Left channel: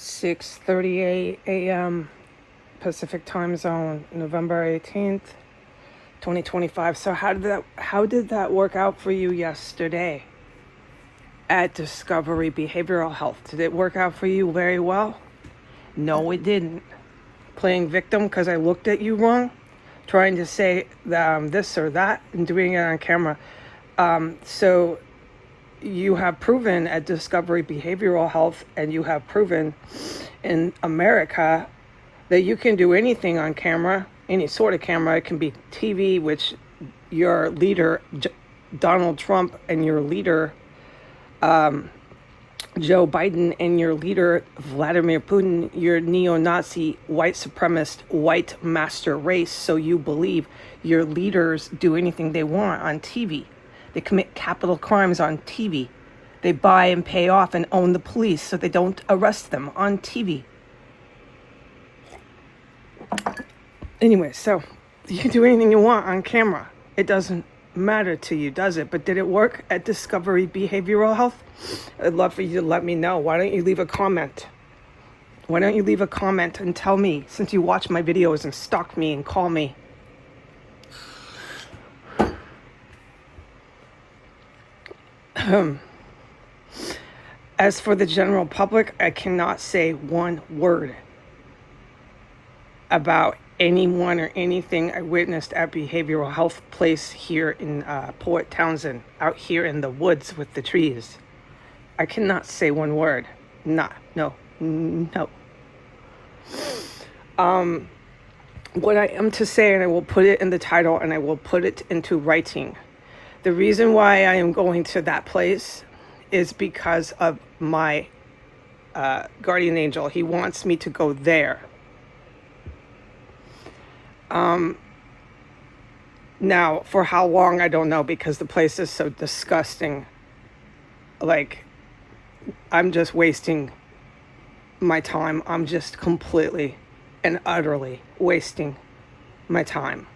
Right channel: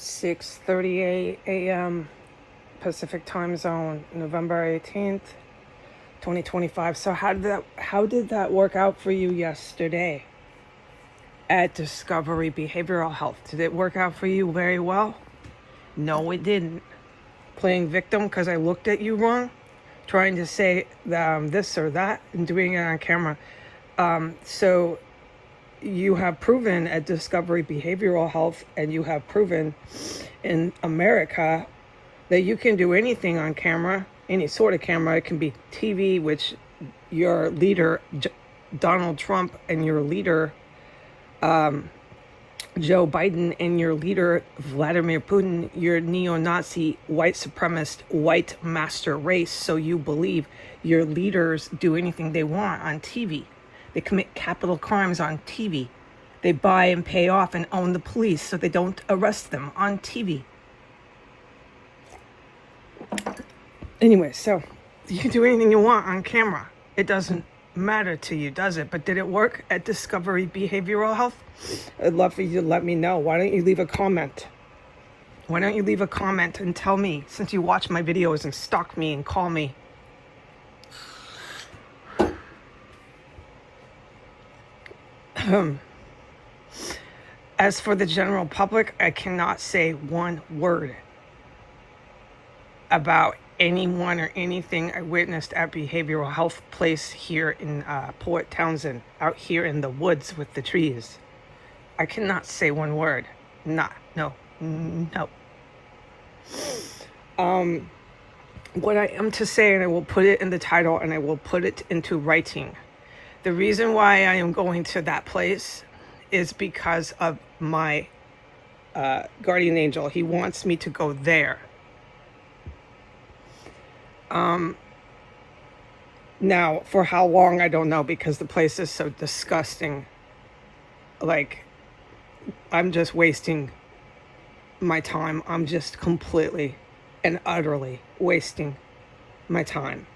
6:38 a.m. Pacific time zone, November 18th, 2025. So how did that work out for you yesterday at Discovery Behavioral Health? Did it work out for you very well? No, it didn't. Playing victim because I looked at you wrong, trying to say this or that and doing it on camera. So you have proven at Discovery Behavioral Health, and you have proven in America that you can do anything on camera, any sort of camera. It can be TV, which your leader, Donald Trump, and your leader, Joe Biden, and your leader, Vladimir Putin, your neo-Nazi, white supremacist, white master race. So you believe your leaders do anything they want on TV. They commit capital crimes on TV. They buy and pay off and own the police so they don't arrest them on TV. Anyway, so you can do anything you want on camera. It doesn't matter to you, does it? But did it work at Discovery Behavioral Health? I'd love for you to let me know. Why don't you leave a comment? Why don't you leave a comment and tell me, since you watch my videos and stalk me and call me? As for the general public, I cannot say one word about anyone or anything I witnessed at Behavioral Health Place here in Port Townsend, out here in the woods with the trees. I cannot say one word. No. What I am to say, and I will put it in the title and I will put it into writing. The reason why I am going to that place is because of my guardian angel. He wants me to go there. Now, for how long, I don't know, because the place is so disgusting. Like, I'm just wasting my time. I'm just completely and utterly wasting my time.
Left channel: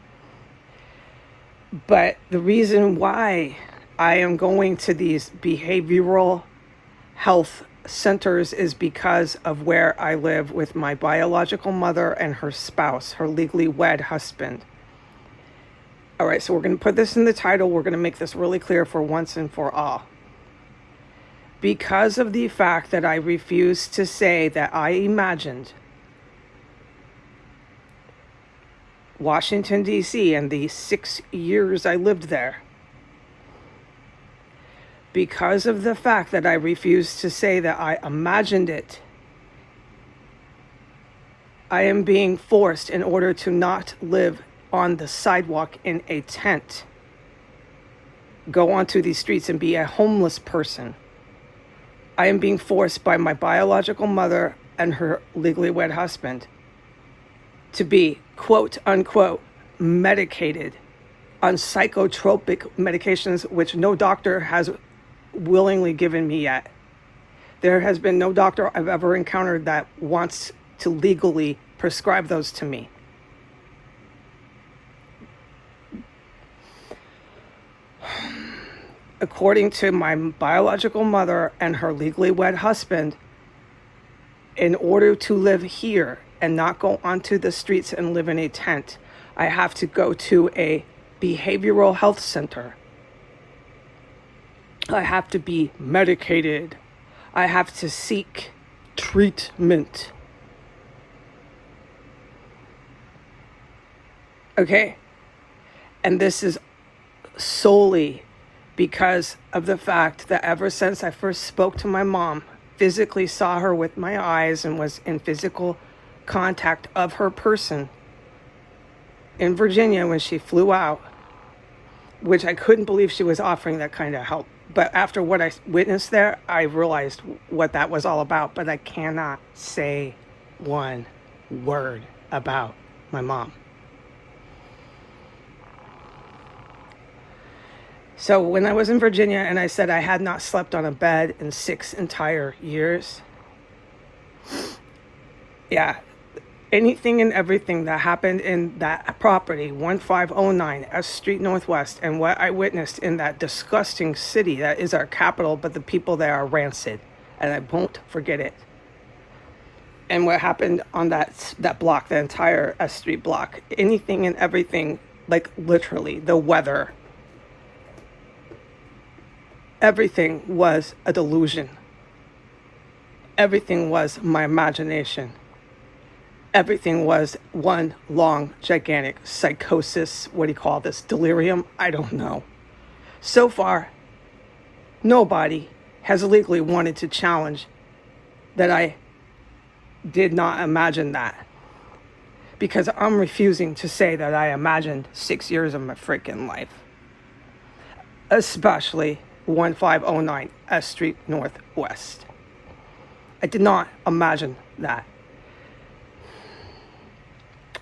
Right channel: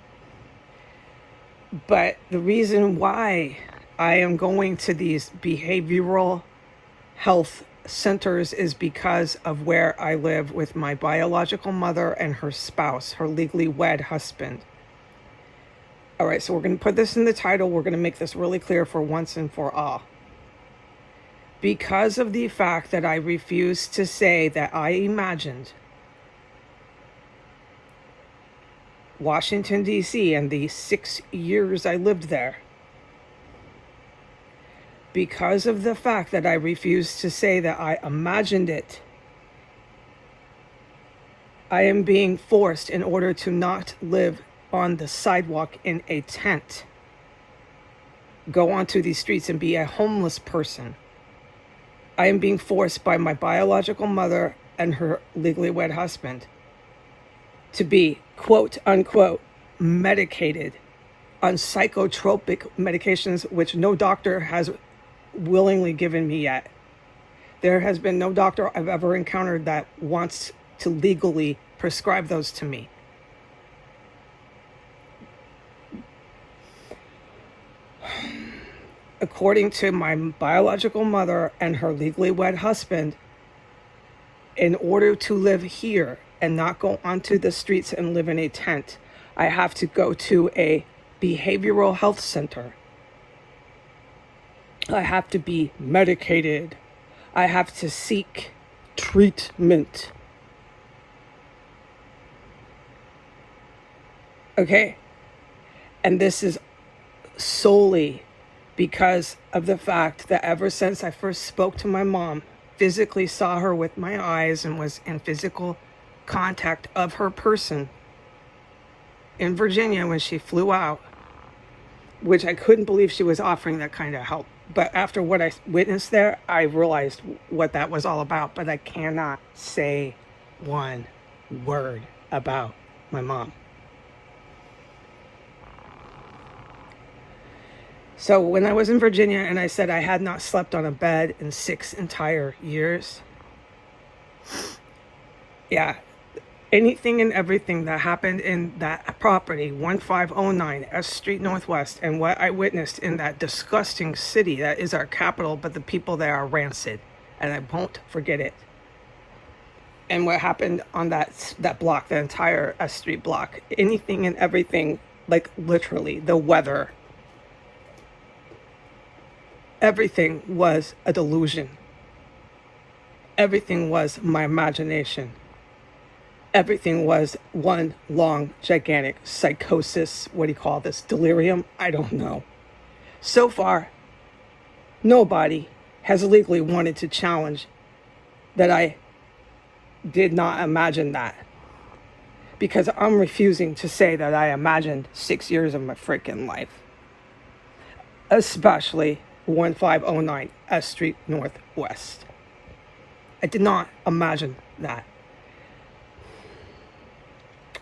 But the reason why I am going to these behavioral health centers is because of where I live with my biological mother and her spouse, her legally wed husband. All right, so we're going to put this in the title. We're going to make this really clear for once and for all. Because of the fact that I refuse to say that I imagined Washington, D.C. and the 6 years I lived there, because of the fact that I refuse to say that I imagined it, I am being forced, in order to not live on the sidewalk in a tent, go onto these streets and be a homeless person. I am being forced by my biological mother and her legally wed husband to be, quote unquote, medicated on psychotropic medications, which no doctor has willingly given me yet. There has been no doctor I've ever encountered that wants to legally prescribe those to me. According to my biological mother and her legally wed husband, in order to live here and not go onto the streets and live in a tent, I have to go to a behavioral health center. I have to be medicated. I have to seek treatment. Okay? And this is solely because of the fact that ever since I first spoke to my mom, physically saw her with my eyes and was in physical contact of her person in Virginia when she flew out, which I couldn't believe she was offering that kind of help. But after what I witnessed there, I realized what that was all about. But I cannot say one word about my mom. So when I was in Virginia and I said I had not slept on a bed in 6 entire years, yeah, anything and everything that happened in that property, 1509 S Street Northwest, and what I witnessed in that disgusting city that is our capital, but the people there are rancid, and I won't forget it. and what happened on that block, the entire S Street block, anything and everything, like literally the weather, everything was a delusion. Everything was my imagination. Everything was one long, gigantic psychosis. What do you call this? Delirium? I don't know. So far, nobody has legally wanted to challenge that I did not imagine that. Because I'm refusing to say that I imagined 6 years of my freaking life. Especially 1509 S Street Northwest. I did not imagine that.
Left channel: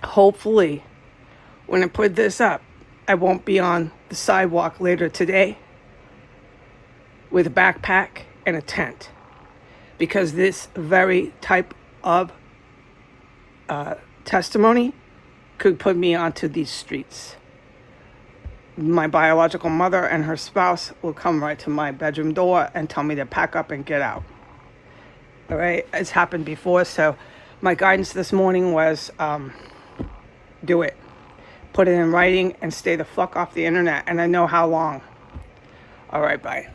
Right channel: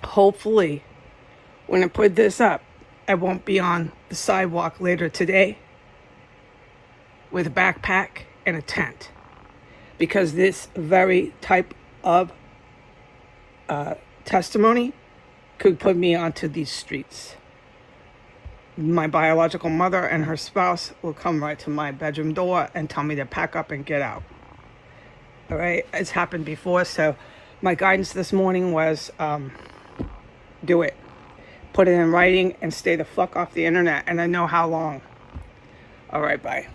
Hopefully, when I put this up, I won't be on the sidewalk later today with a backpack and a tent. Because this very type of testimony could put me onto these streets. My biological mother and her spouse will come right to my bedroom door and tell me to pack up and get out. All right, it's happened before, so my guidance this morning was do it. Put it in writing and stay the fuck off the internet, and I know how long. All right, bye.